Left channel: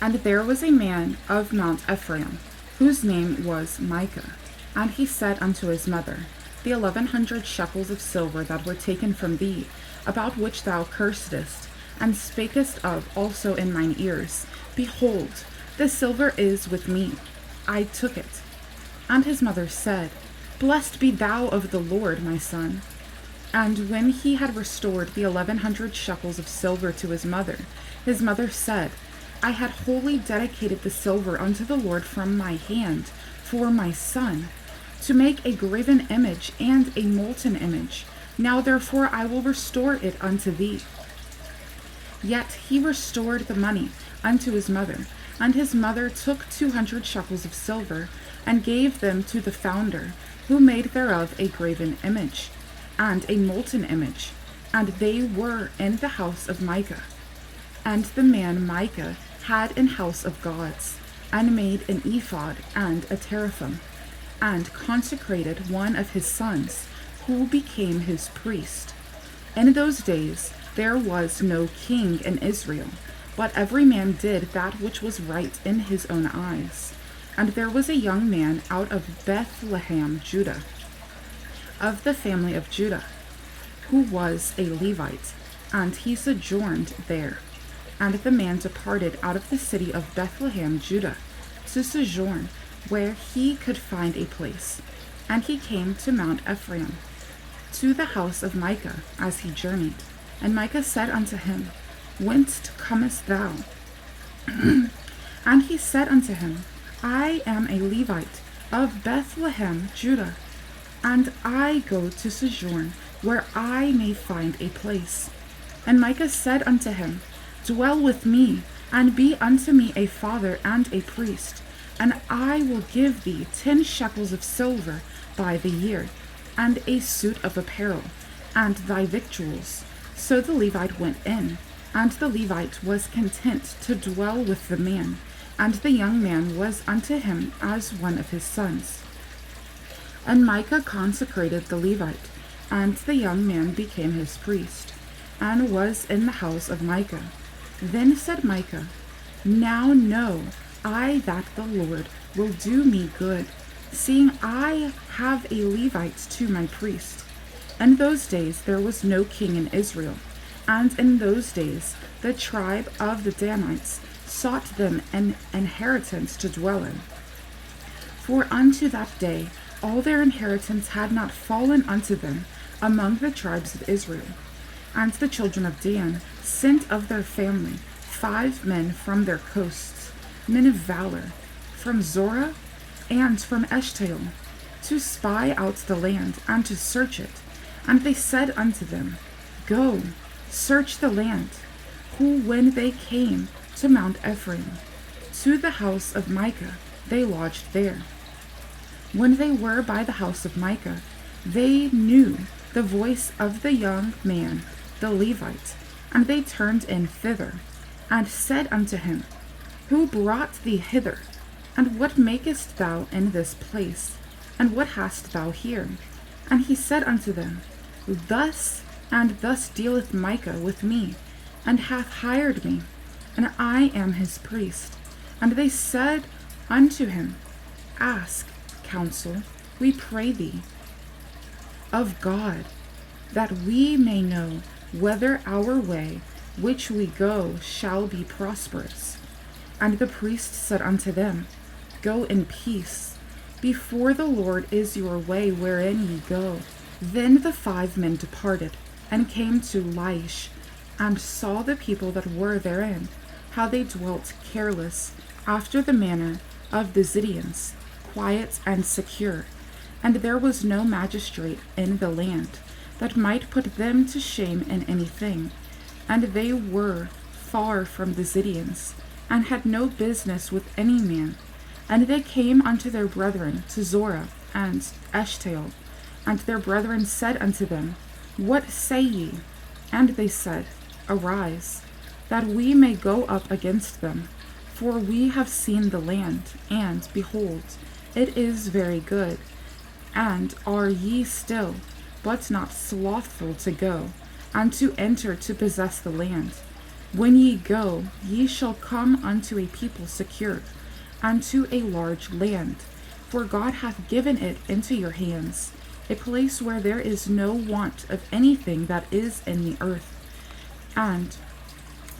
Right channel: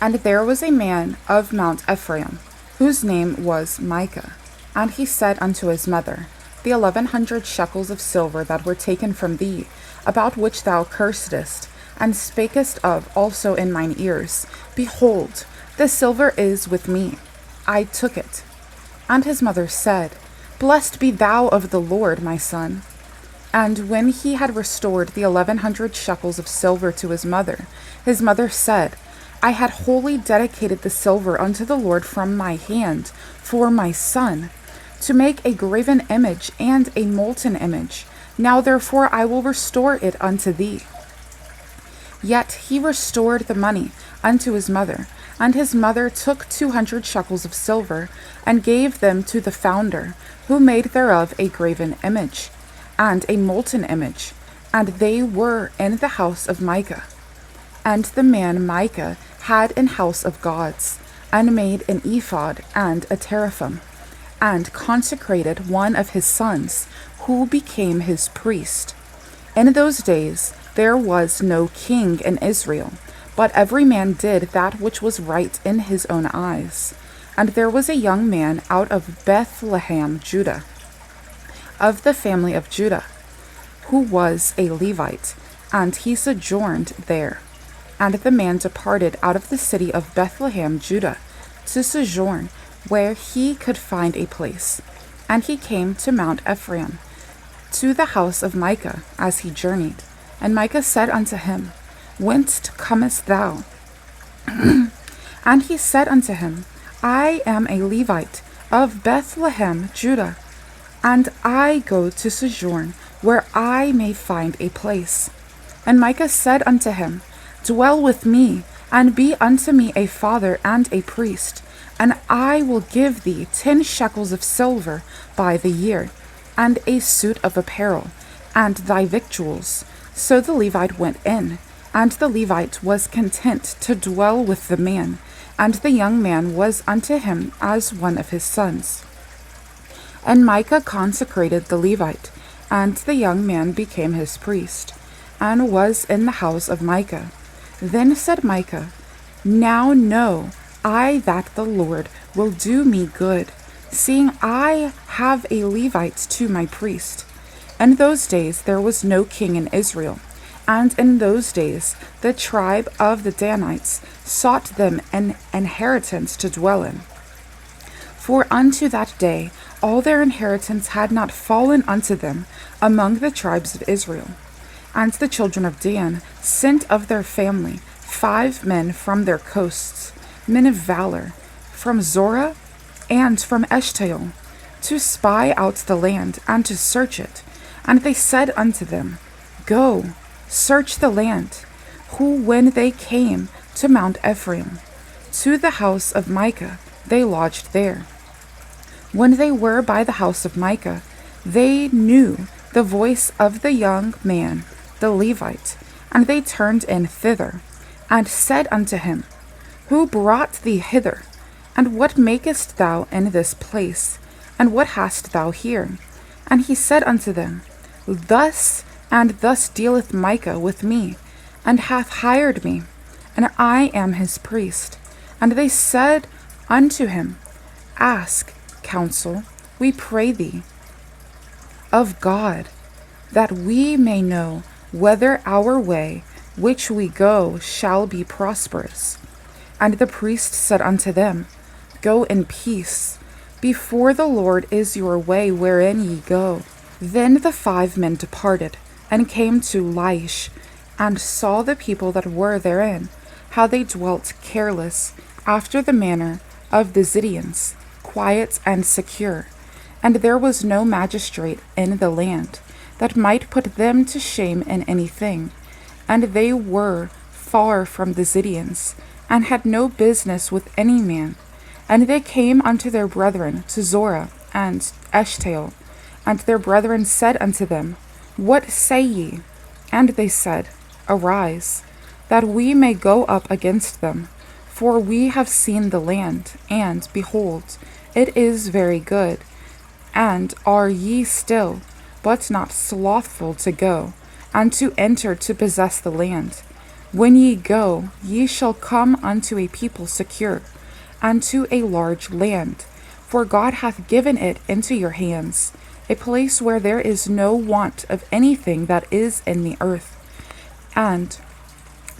And there was a man of Mount Ephraim, whose name was Micah. And he said unto his mother, The 1100 shekels of silver that were taken from thee, about which thou cursedst, and spakest of also in mine ears, behold, the silver is with me. I took it. And his mother said, Blessed be thou of the Lord, my son. And when he had restored the 1100 shekels of silver to his mother said, I had wholly dedicated the silver unto the Lord from my hand for my son, to make a graven image and a molten image. Now therefore I will restore it unto thee. Yet he restored the money unto his mother, and his mother took 200 shekels of silver, and gave them to the founder, who made thereof a graven image, and a molten image, and they were in the house of Micah. And the man Micah had an house of gods, and made an ephod and a teraphim, and consecrated one of his sons, who became his priest. In those days there was no king in Israel, but every man did that which was right in his own eyes. And there was a young man out of Bethlehem, Judah, of the family of Judah, who was a Levite, and he sojourned there. And the man departed out of the city of Bethlehem, Judah, to sojourn where he could find a place. And he came to Mount Ephraim, to the house of Micah, as he journeyed. And Micah said unto him, Whence comest thou? And he said unto him, I am a Levite of Bethlehem, Judah, and I go to sojourn where I may find a place. And Micah said unto him, Dwell with me, and be unto me a father and a priest, and I will give thee 10 shekels of silver by the year, and a suit of apparel, and thy victuals. So the Levite went in, and the Levite was content to dwell with the man, and the young man was unto him as one of his sons. And Micah consecrated the Levite, and the young man became his priest, and was in the house of Micah. Then said Micah, Now know I that the Lord will do me good, seeing I have a Levite to my priest. In those days there was no king in Israel, and in those days the tribe of the Danites sought them an inheritance to dwell in. For unto that day all their inheritance had not fallen unto them among the tribes of Israel. And the children of Dan sent of their family 5 men from their coasts, men of valor, from Zorah and from Eshtaol, to spy out the land and to search it. And they said unto them, Go, search the land. Who, when they came to Mount Ephraim, to the house of Micah, they lodged there. When they were by the house of Micah, they knew the voice of the young man, the Levite, and they turned in thither, and said unto him, Who brought thee hither? And what makest thou in this place? And what hast thou here? And he said unto them, Thus and thus dealeth Micah with me, and hath hired me, and I am his priest. And they said unto him, Ask counsel, we pray thee, of God, that we may know whether our way which we go shall be prosperous. And the priest said unto them, Go in peace. Before the Lord is your way wherein ye go. Then the 5 men departed, and came to Laish, and saw the people that were therein, how they dwelt careless, after the manner of the Zidonians, quiet and secure. And there was no magistrate in the land that might put them to shame in anything. And they were far from the Zidonians, and had no business with any man. And they came unto their brethren to Zorah and Eshtaol. And their brethren said unto them, What say ye? And they said, Arise, that we may go up against them. For we have seen the land, and, behold, it is very good. And are ye still, but not slothful to go, and to enter to possess the land? When ye go, ye shall come unto a people secure, and to a large land, for God hath given it into your hands, a place where there is no want of anything that is in the earth. And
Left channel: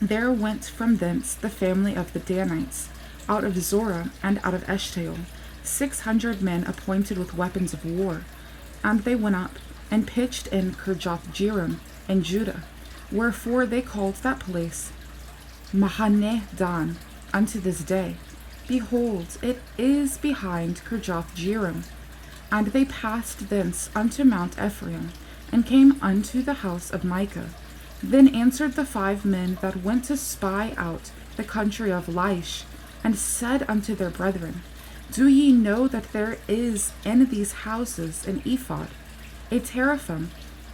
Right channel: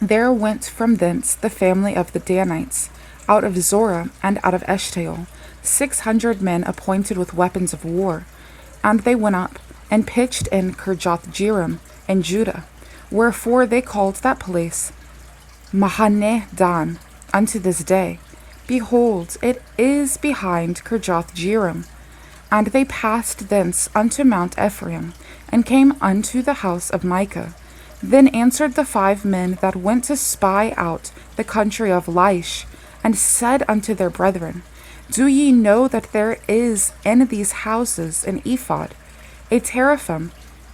there went from thence the family of the Danites, out of Zorah and out of Eshtaol, 600 men appointed with weapons of war. And they went up, and pitched in Kirjath-jearim in Judah, wherefore they called that place Mahaneh Dan unto this day. Behold, it is behind Kirjath-jearim. And they passed thence unto Mount Ephraim, and came unto the house of Micah. Then answered the 5 men that went to spy out the country of Laish, and said unto their brethren, Do ye know that there is in these houses an ephod, a teraphim,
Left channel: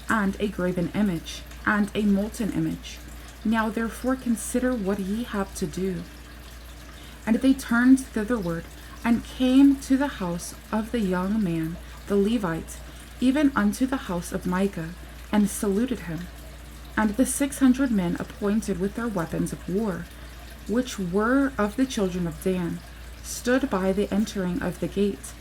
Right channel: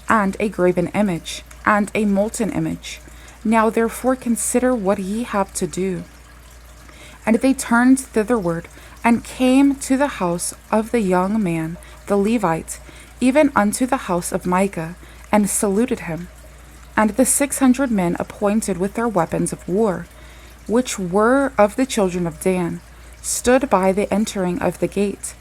and a graven image, and a molten image? Now therefore consider what ye have to do. And they turned thitherward, and came to the house of the young man, the Levite, even unto the house of Micah, and saluted him. And the 600 men appointed with their weapons of war, which were of the children of Dan, stood by the entering of the gate.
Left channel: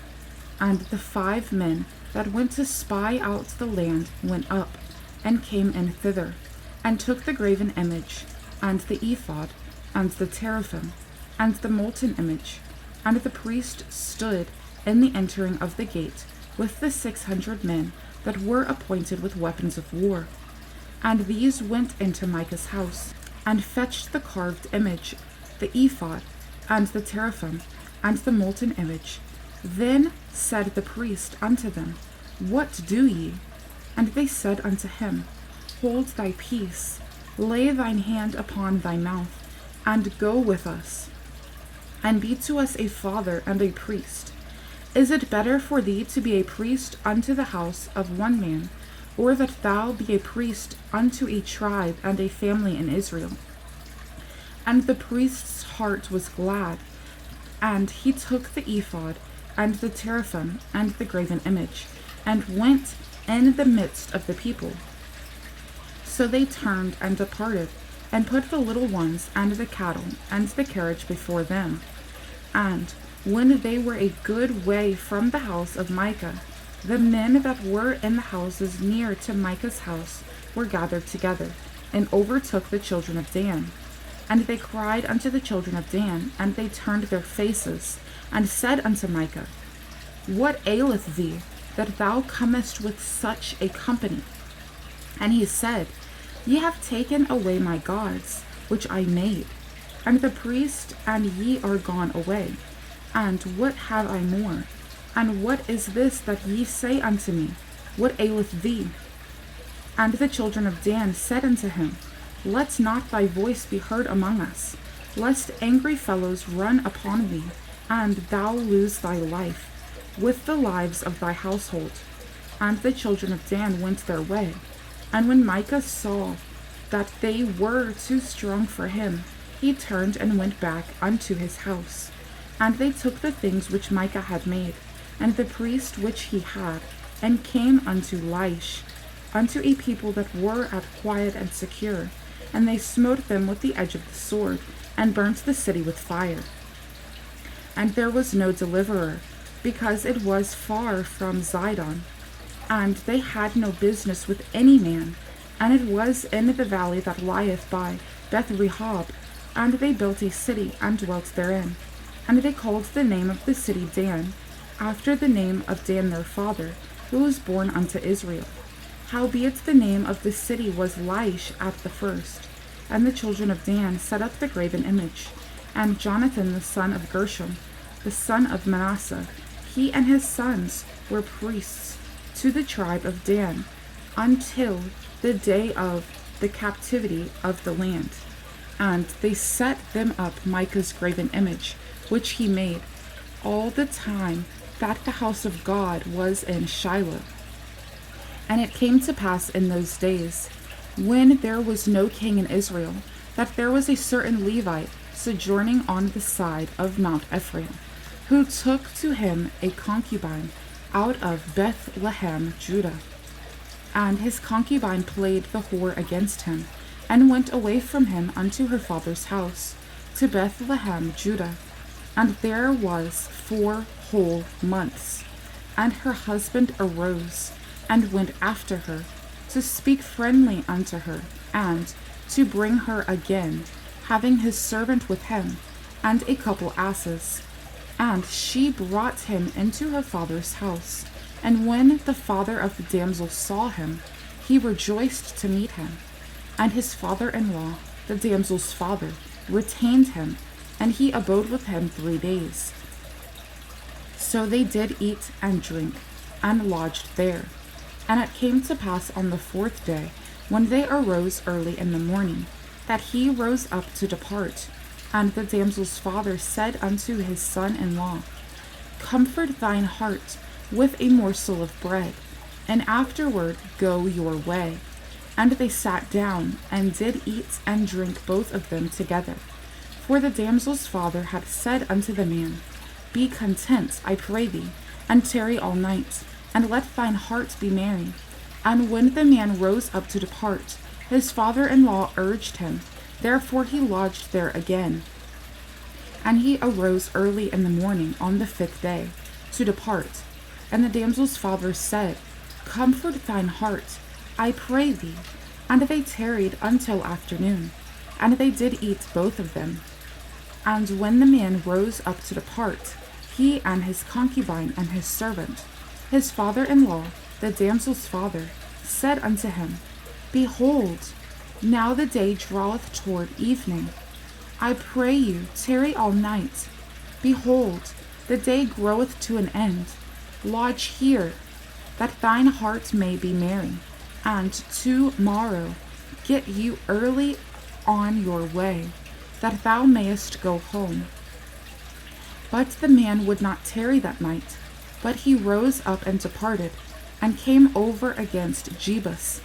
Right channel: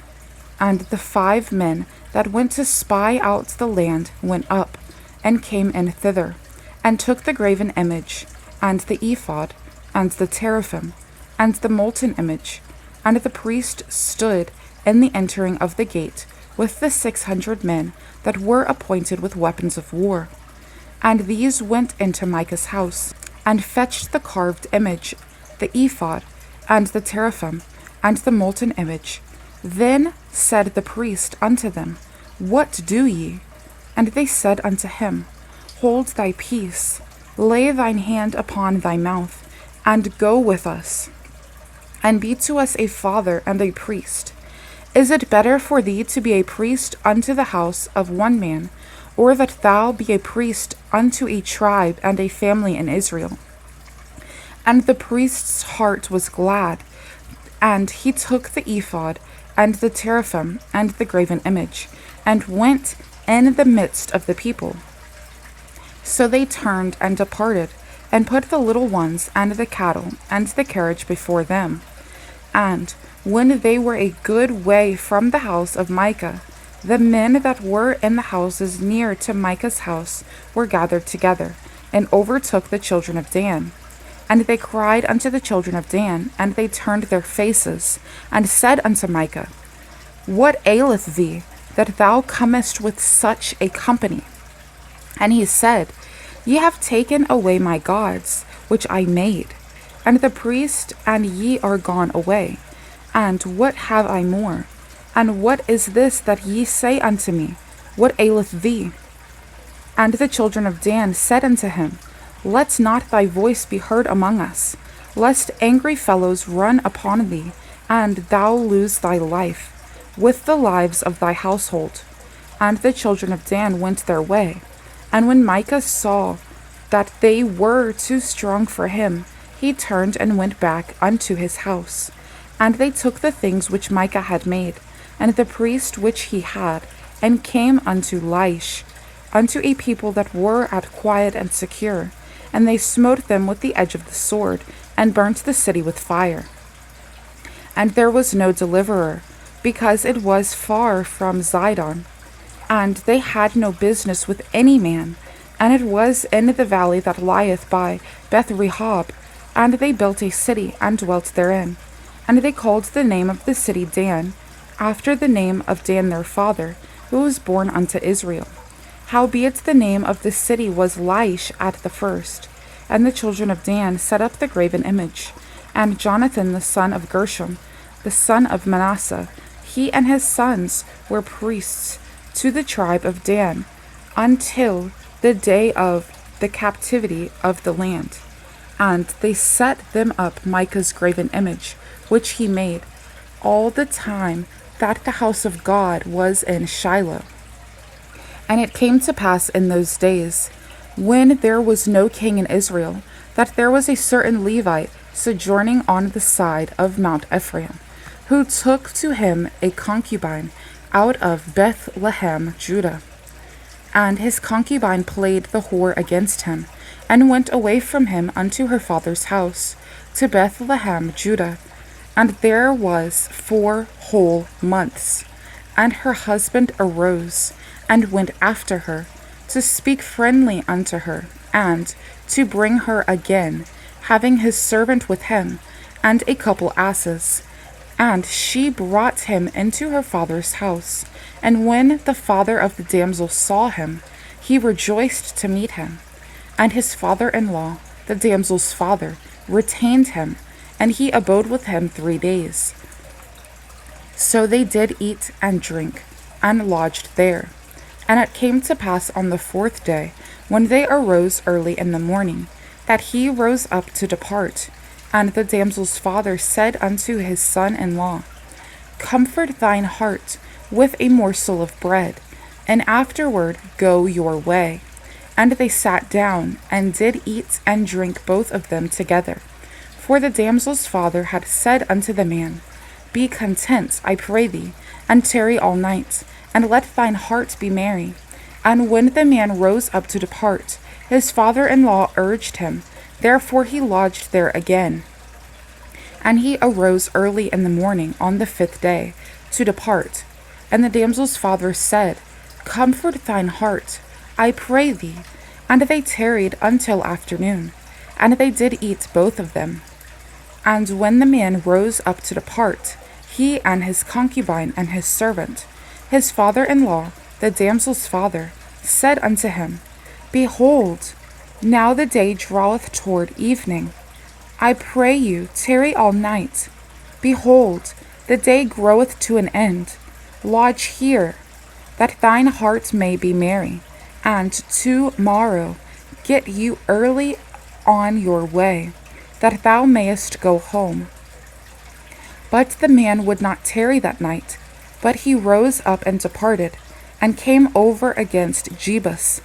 And the 5 men that went to spy out the land went up, and came in thither, and took the graven image, and the ephod, and the teraphim, and the molten image. And the priest stood in the entering of the gate with the 600 men that were appointed with weapons of war. And these went into Micah's house, and fetched the carved image, the ephod, and the teraphim, and the molten image. Then said the priest unto them, What do ye? And they said unto him, Hold thy peace, lay thine hand upon thy mouth, and go with us, and be to us a father and a priest. Is it better for thee to be a priest unto the house of one man, or that thou be a priest unto a tribe and a family in Israel? And the priest's heart was glad, and he took the ephod, and the teraphim, and the graven image, and went in the midst of the people. So they turned and departed, and put the little ones and the cattle and the carriage before them. And when they were a good way from the house of Micah, the men that were in the houses near to Micah's house were gathered together, and overtook the children of Dan. And they cried unto the children of Dan, and they turned their faces, and said unto Micah, What aileth thee, that thou comest with such a company? And he said, Ye have taken away my gods, which I made, and the priest and ye are gone away. And what have I more? And what is this that ye say unto me? What aileth thee? And the children of Dan said unto him, Let not thy voice be heard among us, lest angry fellows run upon thee, and thou lose thy life, with the lives of thy household. And the children of Dan went their way. And when Micah saw that they were too strong for him, he turned and went back unto his house. And they took the things which Micah had made, and the priest which he had, and came unto Laish, unto a people that were at quiet and secure. And they smote them with the edge of the sword, and burnt the city with fire. And there was no deliverer, because it was far from Zidon, and they had no business with any man, and it was in the valley that lieth by Beth-rehob. And they built a city, and dwelt therein. And they called the name of the city Dan, after the name of Dan their father, who was born unto Israel. Howbeit the name of the city was Laish at the first. And the children of Dan set up the graven image. And Jonathan the son of Gershom, the son of Manasseh, he and his sons were priests to the tribe of Dan, until the day of the captivity of the land. And they set them up Micah's graven image, which he made, all the time that the house of God was in Shiloh. And it came to pass in those days, when there was no king in Israel, that there was a certain Levite sojourning on the side of Mount Ephraim, who took to him a concubine out of Bethlehem, Judah. And his concubine played the whore against him, and went away from him unto her father's house, to Bethlehem, Judah. And there was 4 whole months. And her husband arose, and went after her, to speak friendly unto her, and to bring her again, having his servant with him, and a couple asses. And she brought him into her father's house. And when the father of the damsel saw him, he rejoiced to meet him. And his father-in-law, the damsel's father, retained him, and he abode with him 3 days. So they did eat and drink, and lodged there. And it came to pass on the 4th day, when they arose early in the morning, that he rose up to depart. And the damsel's father said unto his son-in-law, Comfort thine heart with a morsel of bread, and afterward go your way. And they sat down, and did eat and drink both of them together. For the damsel's father had said unto the man, Be content, I pray thee, and tarry all night, and let thine heart be merry. And when the man rose up to depart, his father-in-law urged him, therefore he lodged there again. And he arose early in the morning on the 5th day, to depart. And the damsel's father said, Comfort thine heart, I pray thee. And they tarried until afternoon, and they did eat both of them. And when the man rose up to depart, he and his concubine and his servant, his father-in-law, the damsel's father, said unto him, Behold, now the day draweth toward evening. I pray you, tarry all night. Behold, the day groweth to an end. Lodge here, that thine heart may be merry, and tomorrow get you early on your way, that thou mayest go home. But the man would not tarry that night, but he rose up and departed, and came over against Jebus,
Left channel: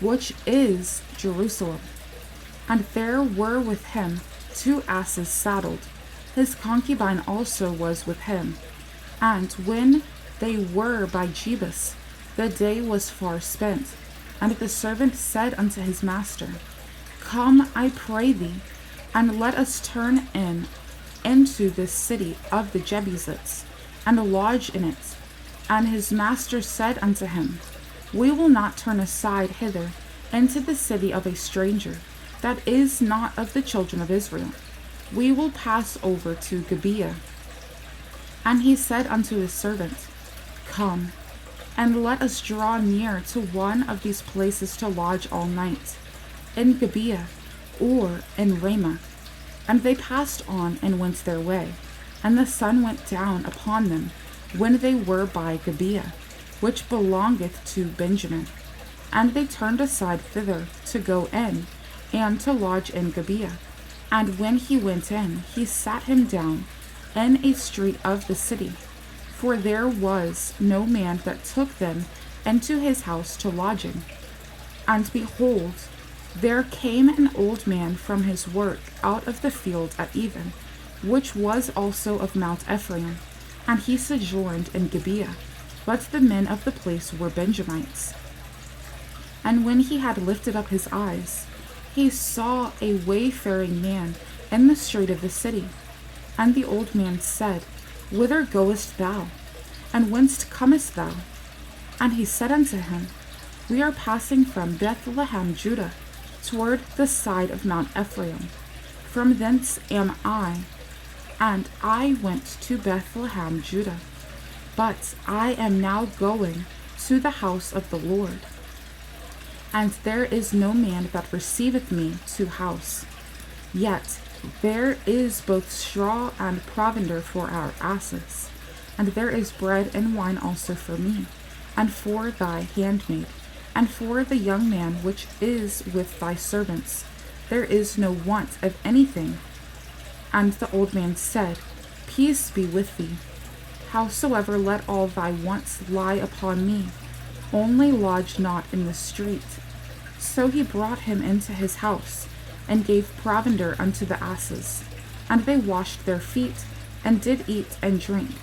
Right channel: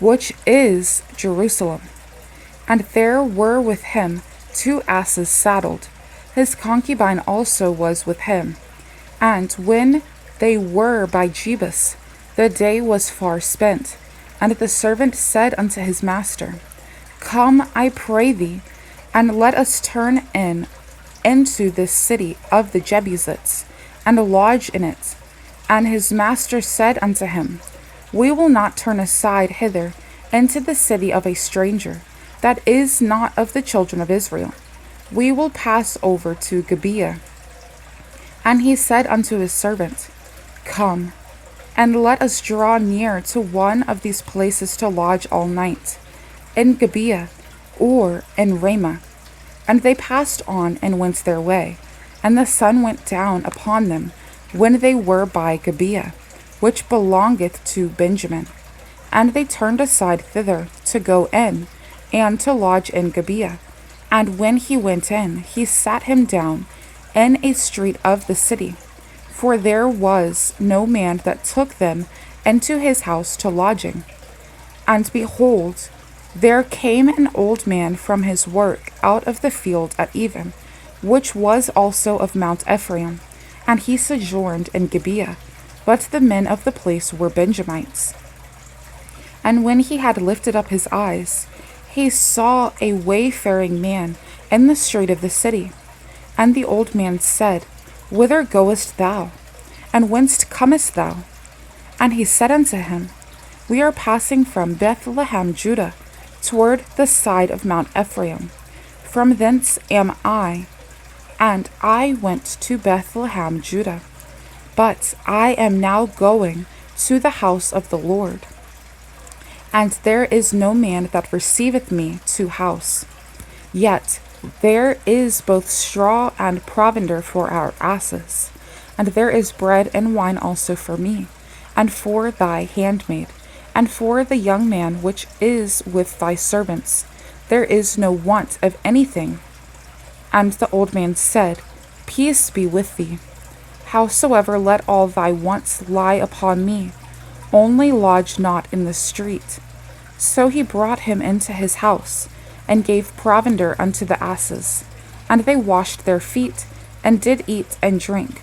which is Jerusalem. And there were with him 2 asses saddled. His concubine also was with him. And when they were by Jebus, the day was far spent. And the servant said unto his master, Come, I pray thee, and let us turn into this city of the Jebusites, and lodge in it. And his master said unto him, We will not turn aside hither into the city of a stranger, that is not of the children of Israel. We will pass over to Gibeah. And he said unto his servant, Come, and let us draw near to one of these places to lodge all night, in Gibeah, or in Ramah. And they passed on and went their way, and the sun went down upon them when they were by Gibeah, which belongeth to Benjamin. And they turned aside thither to go in, and to lodge in Gibeah. And when he went in, he sat him down in a street of the city, for there was no man that took them into his house to lodging. And behold, there came an old man from his work out of the field at even, which was also of Mount Ephraim, and he sojourned in Gibeah, but the men of the place were Benjamites. And when he had lifted up his eyes, he saw a wayfaring man in the street of the city. And the old man said, Whither goest thou? And whence comest thou? And he said unto him, We are passing from Bethlehem, Judah, toward the side of Mount Ephraim. From thence am I, and I went to Bethlehem, Judah. But I am now going to the house of the Lord. And there is no man that receiveth me to house. Yet there is both straw and provender for our asses, and there is bread and wine also for me, and for thy handmaid, and for the young man which is with thy servants. There is no want of anything. And the old man said, Peace be with thee. Howsoever, let all thy wants lie upon me. Only lodge not in the street. So he brought him into his house, and gave provender unto the asses. And they washed their feet, and did eat and drink.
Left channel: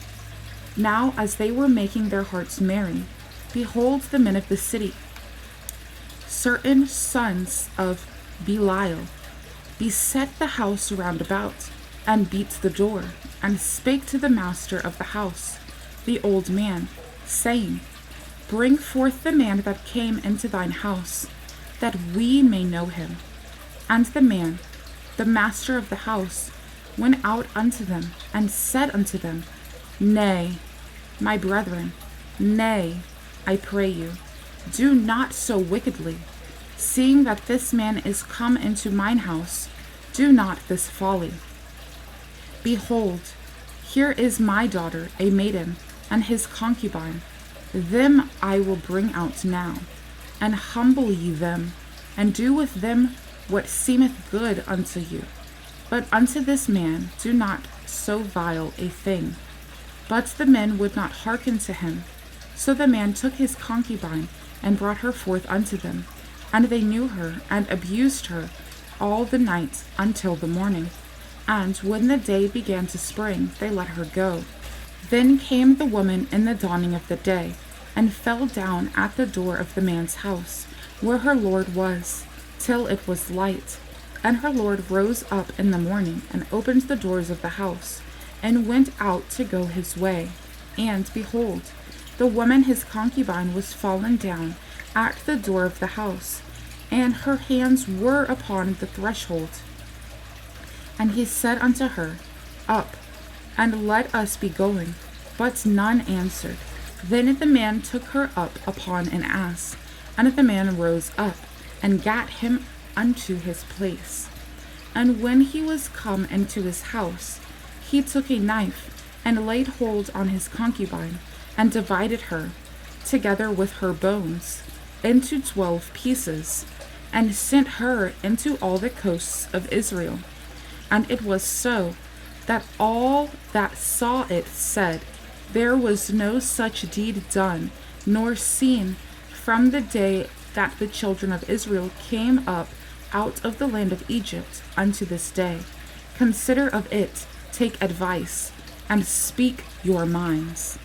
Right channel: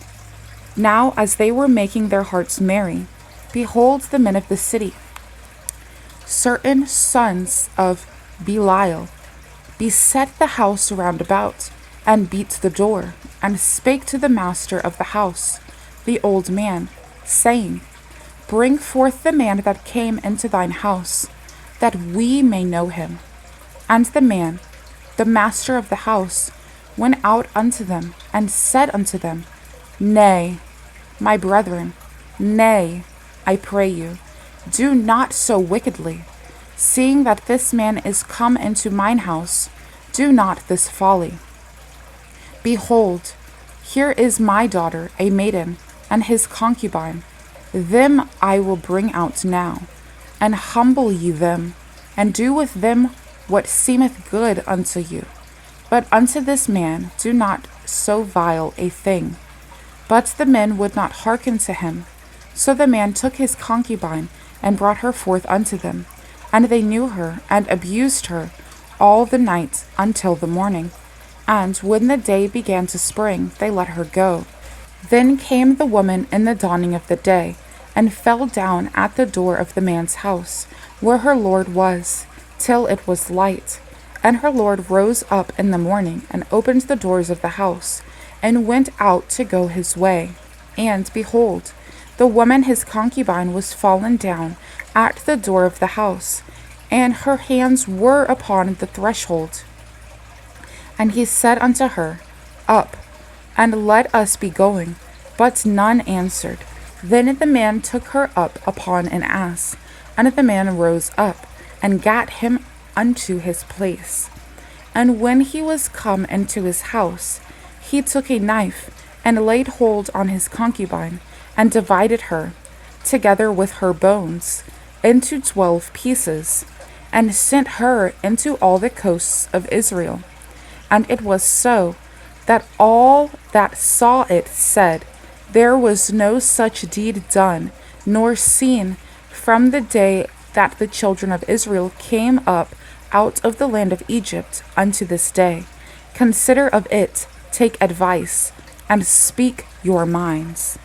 Now as they were making their hearts merry, behold, the men of the city, certain sons of Belial, beset the house round about, and beat the door, and spake to the master of the house, the old man, saying, Bring forth the man that came into thine house, that we may know him. And the man, the master of the house, went out unto them, and said unto them, Nay, my brethren, nay, I pray you, do not so wickedly. Seeing that this man is come into mine house, do not this folly. Behold, here is my daughter, a maiden, and his concubine. Them I will bring out now, and humble ye them, and do with them what seemeth good unto you. But unto this man do not so vile a thing. But the men would not hearken to him. So the man took his concubine, and brought her forth unto them. And they knew her, and abused her all the night until the morning. And when the day began to spring, they let her go. Then came the woman in the dawning of the day, and fell down at the door of the man's house, where her lord was, till it was light. And her lord rose up in the morning, and opened the doors of the house, and went out to go his way. And, behold, the woman his concubine was fallen down at the door of the house, and her hands were upon the threshold. And he said unto her, Up, and let us be going. But none answered. Then the man took her up upon an ass, and the man rose up, and gat him unto his place. And when he was come into his house, he took a knife, and laid hold on his concubine, and divided her, together with her bones, into 12 pieces, and sent her into all the coasts of Israel. And it was so, that all that saw it said, There was no such deed done, nor seen, from the day that the children of Israel came up out of the land of Egypt unto this day. Consider of it, take advice, and speak your minds.